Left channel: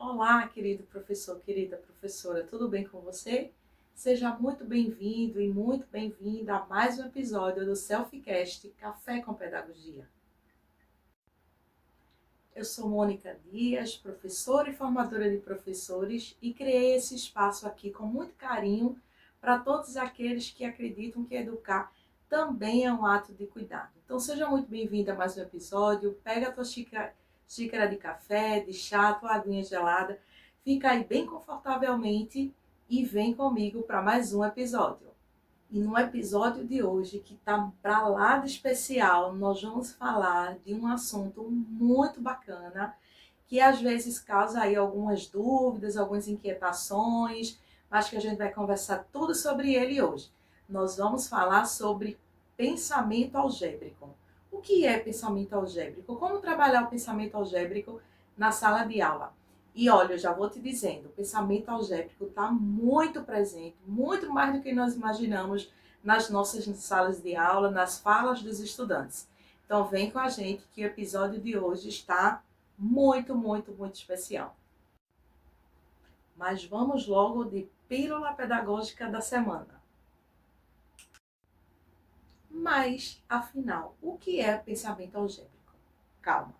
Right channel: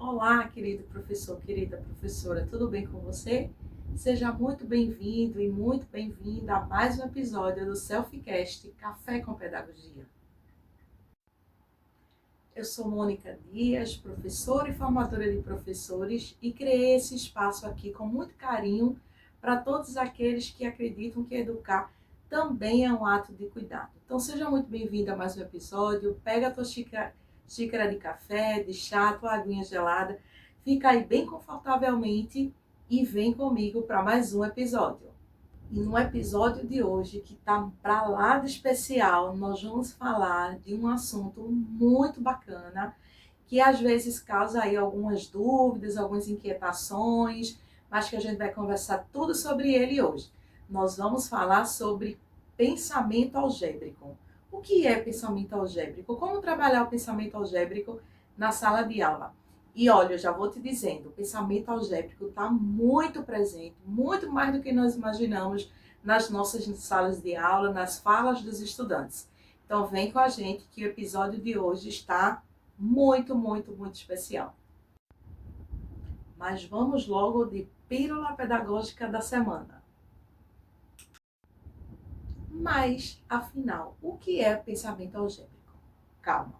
Olá, querido professor, querida professora, tudo bem com você? Seja muito bem-vindo e muito bem-vinda a mais um episódio do Selfcast Café com Pedagogia. Eu sou Mônica Dias, professora e formadora de professores, e criei esse espaço aqui com muito carinho para todos aqueles que acreditam que educar também é um ato de cuidado. Então seja muito bem-vinda a mais um episódio, pega a tua xícara de café, de chá, tua aguinha gelada, fica aí bem confortavelmente e vem comigo para mais um episódio. E no episódio de hoje, que tá para lá de especial, nós vamos falar de um assunto muito bacana, que às vezes causa aí algumas dúvidas, algumas inquietações, mas que a gente vai conversar tudo sobre ele hoje. Nós vamos falar sobre pensamento algébrico. O que é pensamento algébrico? Como trabalhar o pensamento algébrico na sala de aula? E olha, eu já vou te dizendo, o pensamento algébrico está muito presente, muito mais do que nós imaginamos nas nossas salas de aula, nas falas dos estudantes. Então vem com a gente que o episódio de hoje está muito especial. Mas vamos logo de pílula pedagógica da semana. Mas, afinal, o que é pensamento algébrico? Calma.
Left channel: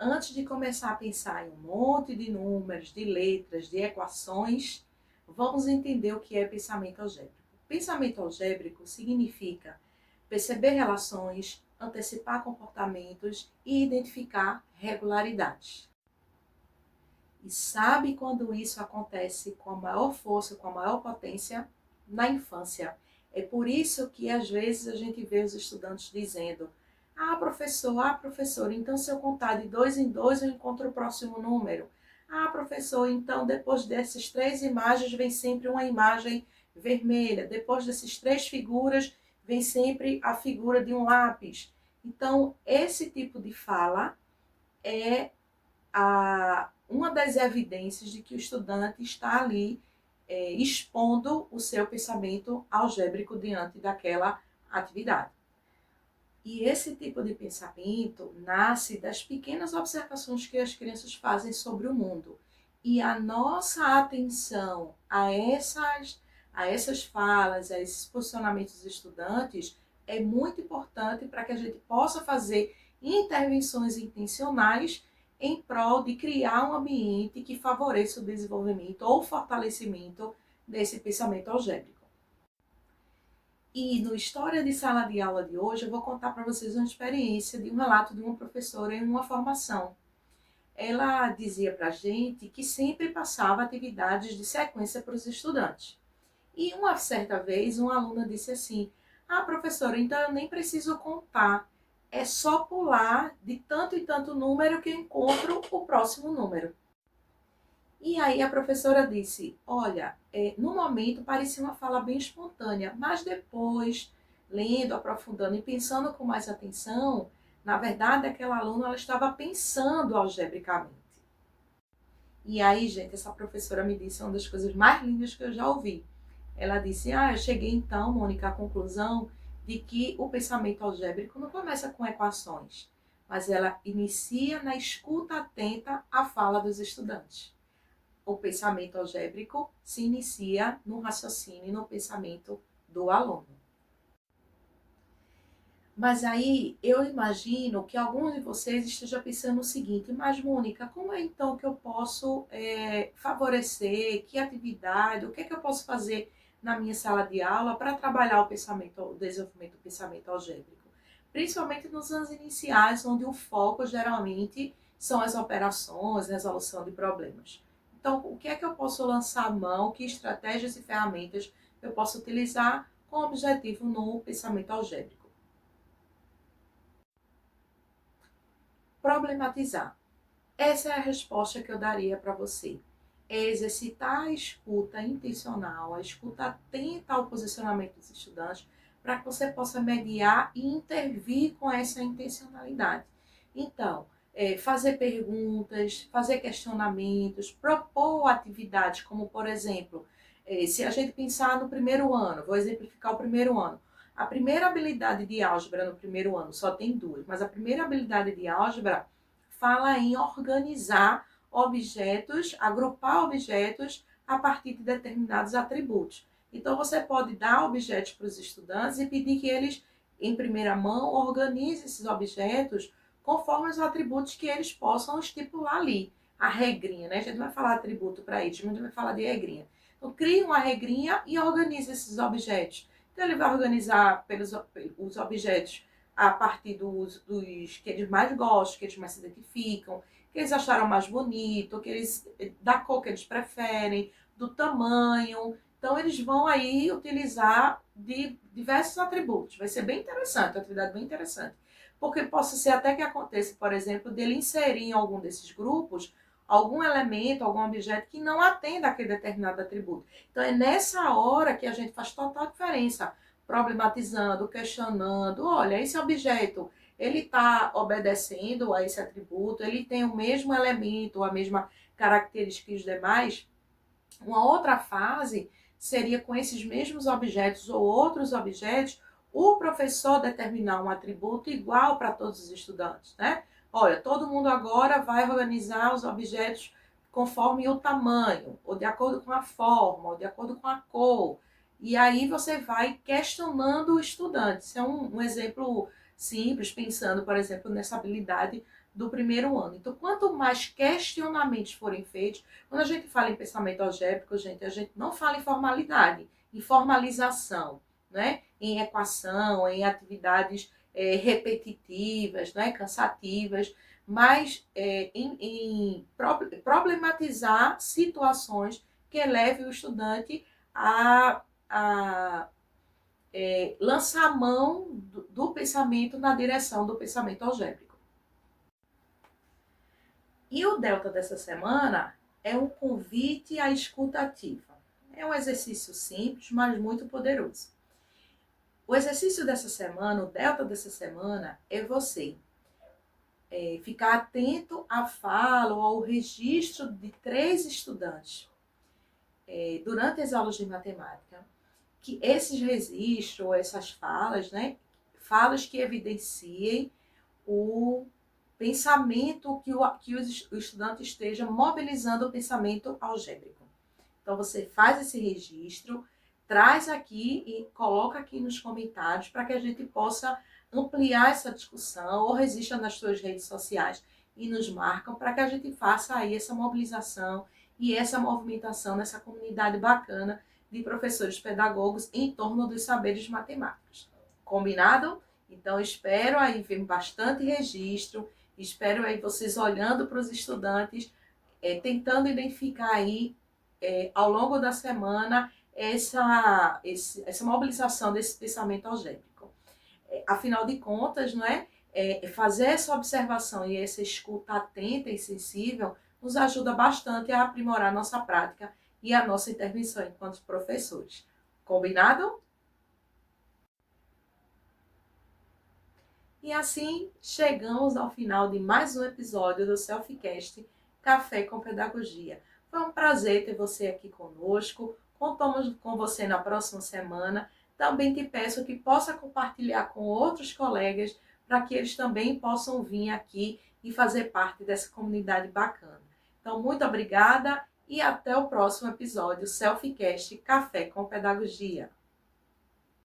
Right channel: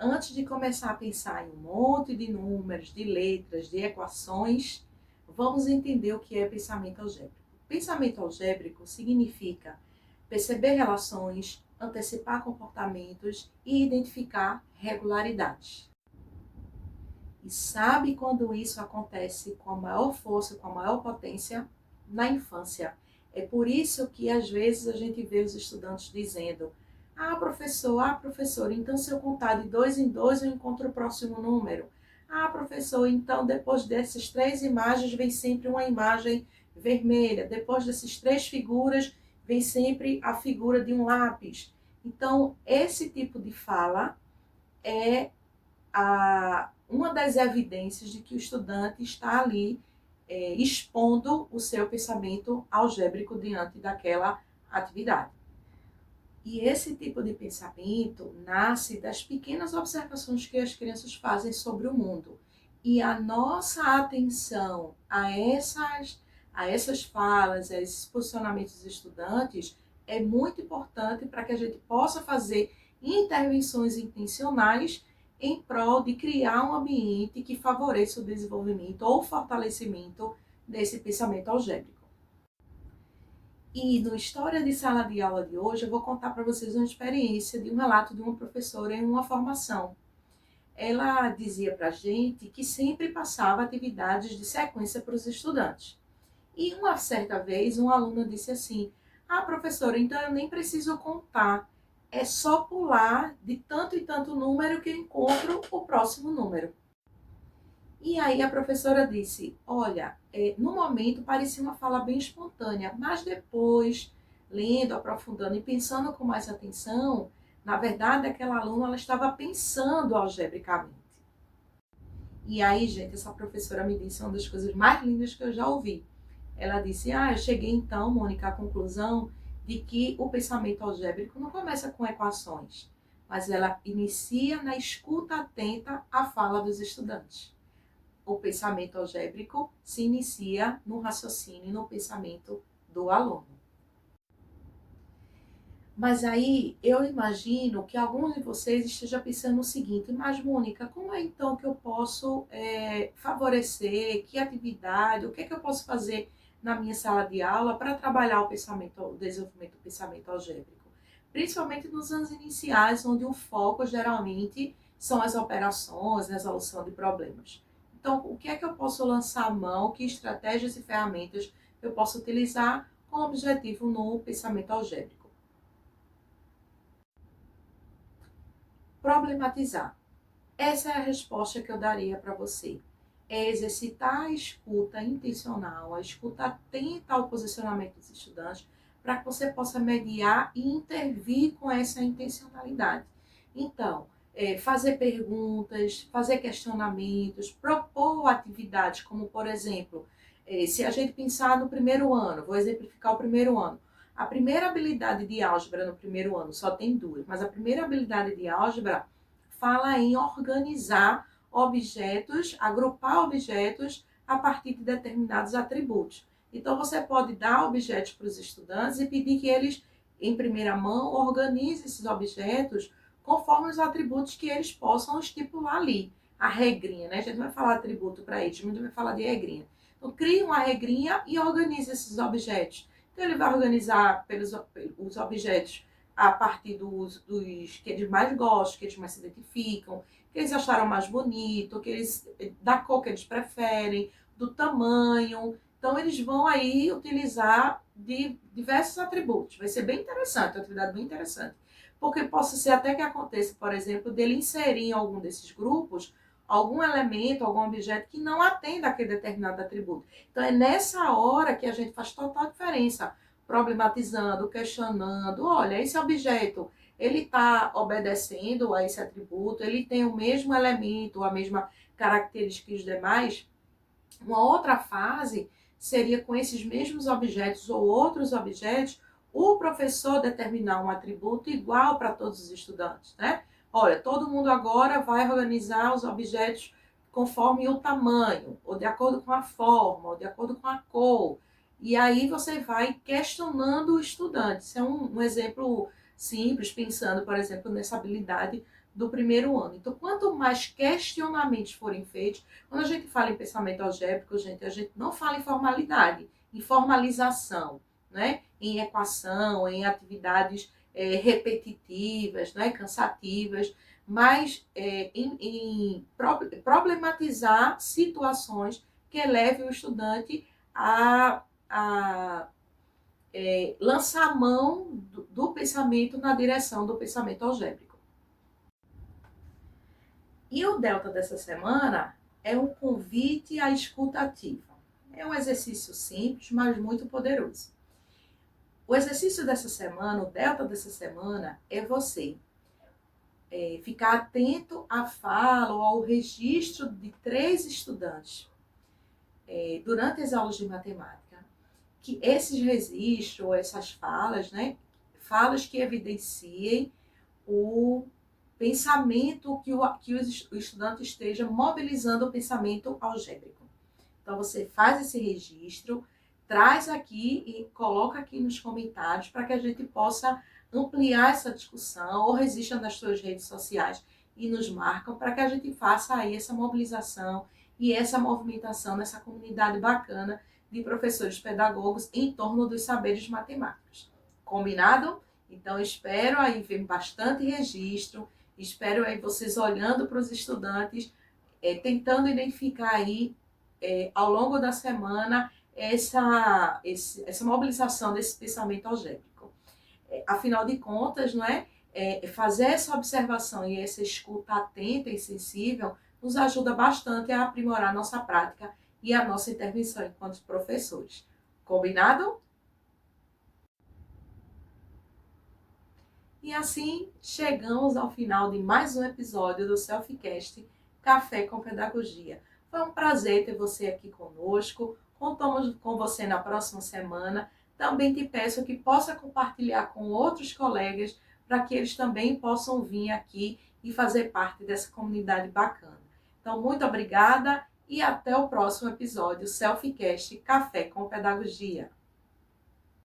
Antes de começar a pensar em um monte de números, de letras, de equações, vamos entender o que é pensamento algébrico. Pensamento algébrico significa perceber relações, antecipar comportamentos e identificar regularidades. E sabe quando isso acontece com a maior força, com a maior potência? Na infância. É por isso que às vezes a gente vê os estudantes dizendo: ah, professor, então se eu contar de 2 em 2 eu encontro o próximo número. Ah, professor, então depois dessas 3 imagens vem sempre uma imagem vermelha. Depois dessas 3 figuras vem sempre a figura de um lápis. Então, esse tipo de fala é uma das evidências de que o estudante está ali expondo o seu pensamento algébrico diante daquela atividade. E esse tipo de pensamento nasce das pequenas observações que as crianças fazem sobre o mundo. E a nossa atenção a essas falas, a esses posicionamentos dos estudantes é muito importante para que a gente possa fazer intervenções intencionais em prol de criar um ambiente que favoreça o desenvolvimento ou fortalecimento desse pensamento algébrico. E no História de Sala de Aula de hoje, eu vou contar para vocês uma experiência de um relato de uma professora em uma formação. Ela dizia para a gente que sempre passava atividades de sequência para os estudantes. E uma certa vez, uma aluna disse assim: ah, professora, então eu nem preciso contar. É só pular de tanto e tanto número que eu encontro o próximo número. E aí a professora disse: olha, no momento parecia uma fala bem espontânea, mas depois, lendo, aprofundando e pensando com mais atenção, na verdade aquela aluna ela estava pensando algebricamente. E aí, gente, essa professora me disse uma das coisas mais lindas que eu já ouvi. Ela disse: ah, eu cheguei então, Mônica, à conclusão de que o pensamento algébrico não começa com equações, mas ela inicia na escuta atenta à fala dos estudantes. O pensamento algébrico se inicia no raciocínio e no pensamento do aluno. Mas aí eu imagino que alguns de vocês estejam pensando o seguinte: mas Mônica, como é então que eu posso favorecer, que atividade, o que é que eu posso fazer na minha sala de aula para trabalhar o desenvolvimento do pensamento algébrico? Principalmente nos anos iniciais, onde o foco geralmente são as operações, a resolução de problemas. Então, o que é que eu posso lançar a mão, que estratégias e ferramentas eu posso utilizar com objetivo no pensamento algébrico? Problematizar. Essa é a resposta que eu daria para você. É exercitar a escuta intencional, a escuta atenta ao posicionamento dos estudantes, para que você possa mediar e intervir com essa intencionalidade. Então, fazer perguntas, fazer questionamentos, propor atividades, como por exemplo, se a gente pensar no primeiro ano, vou exemplificar o primeiro ano. A primeira habilidade de álgebra no primeiro ano só tem duas, mas a primeira habilidade de álgebra fala em organizar objetos, agrupar objetos a partir de determinados atributos. Então, você pode dar objetos para os estudantes e pedir que eles, em primeira mão, organizem esses objetos conforme os atributos que eles possam estipular ali. A regrinha, né? A gente não vai falar atributo para eles, mas a gente vai falar de regrinha. Então, crie uma regrinha e organize esses objetos. Então, ele vai organizar os objetos a partir dos que eles mais gostam, que eles mais se identificam, que eles acharam mais bonito, da cor que eles preferem, do tamanho. Então, eles vão aí utilizar de diversos atributos. Vai ser bem interessante, uma atividade bem interessante. Porque possa ser até que aconteça, por exemplo, dele inserir em algum desses grupos algum elemento, algum objeto que não atenda aquele determinado atributo. Então, é nessa hora que a gente faz total diferença, problematizando, questionando. Olha, esse objeto, ele está obedecendo a esse atributo, ele tem o mesmo elemento, a mesma característica que os demais. Uma outra fase seria com esses mesmos objetos ou outros objetos, o professor determinar um atributo igual para todos os estudantes, né? Olha, todo mundo agora vai organizar os objetos conforme o tamanho, ou de acordo com a forma, ou de acordo com a cor. E aí você vai questionando o estudante. Isso é um exemplo simples, pensando, por exemplo, nessa habilidade do primeiro ano. Então, quanto mais questionamentos forem feitos, quando a gente fala em pensamento algébrico, gente, a gente não fala em formalidade, em formalização, né? Em equação, em atividades repetitivas, né? Cansativas, mas em problematizar situações que elevem o estudante a lançar a mão do pensamento na direção do pensamento algébrico. E o delta dessa semana é um convite à escuta ativa. É um exercício simples, mas muito poderoso. O exercício dessa semana, o delta dessa semana, é você ficar atento à fala ou ao registro de 3 estudantes durante as aulas de matemática, que esses registros, ou essas falas, né, falas que evidenciem o pensamento que o estudante esteja mobilizando o pensamento algébrico. Então, você faz esse registro, traz aqui e coloca aqui nos comentários para que a gente possa ampliar essa discussão, ou registra nas suas redes sociais e nos marcam para que a gente faça aí essa mobilização e essa movimentação nessa comunidade bacana de professores pedagogos em torno dos saberes matemáticos. Combinado? Então, espero aí ver bastante registro, espero aí vocês olhando para os estudantes, tentando identificar aí, ao longo da semana, essa mobilização desse pensamento algébrico. Afinal de contas, não é? Fazer essa observação e essa escuta atenta e sensível nos ajuda bastante a aprimorar a nossa prática e a nossa intervenção enquanto professores. Combinado? E assim chegamos ao final de mais um episódio do Selfcast Café com Pedagogia. Foi um prazer ter você aqui conosco. Contamos com você na próxima semana. Também te peço que possa compartilhar com outros colegas para que eles também possam vir aqui e fazer parte dessa comunidade bacana. Então, muito obrigada e até o próximo episódio Selfcast Café com Pedagogia.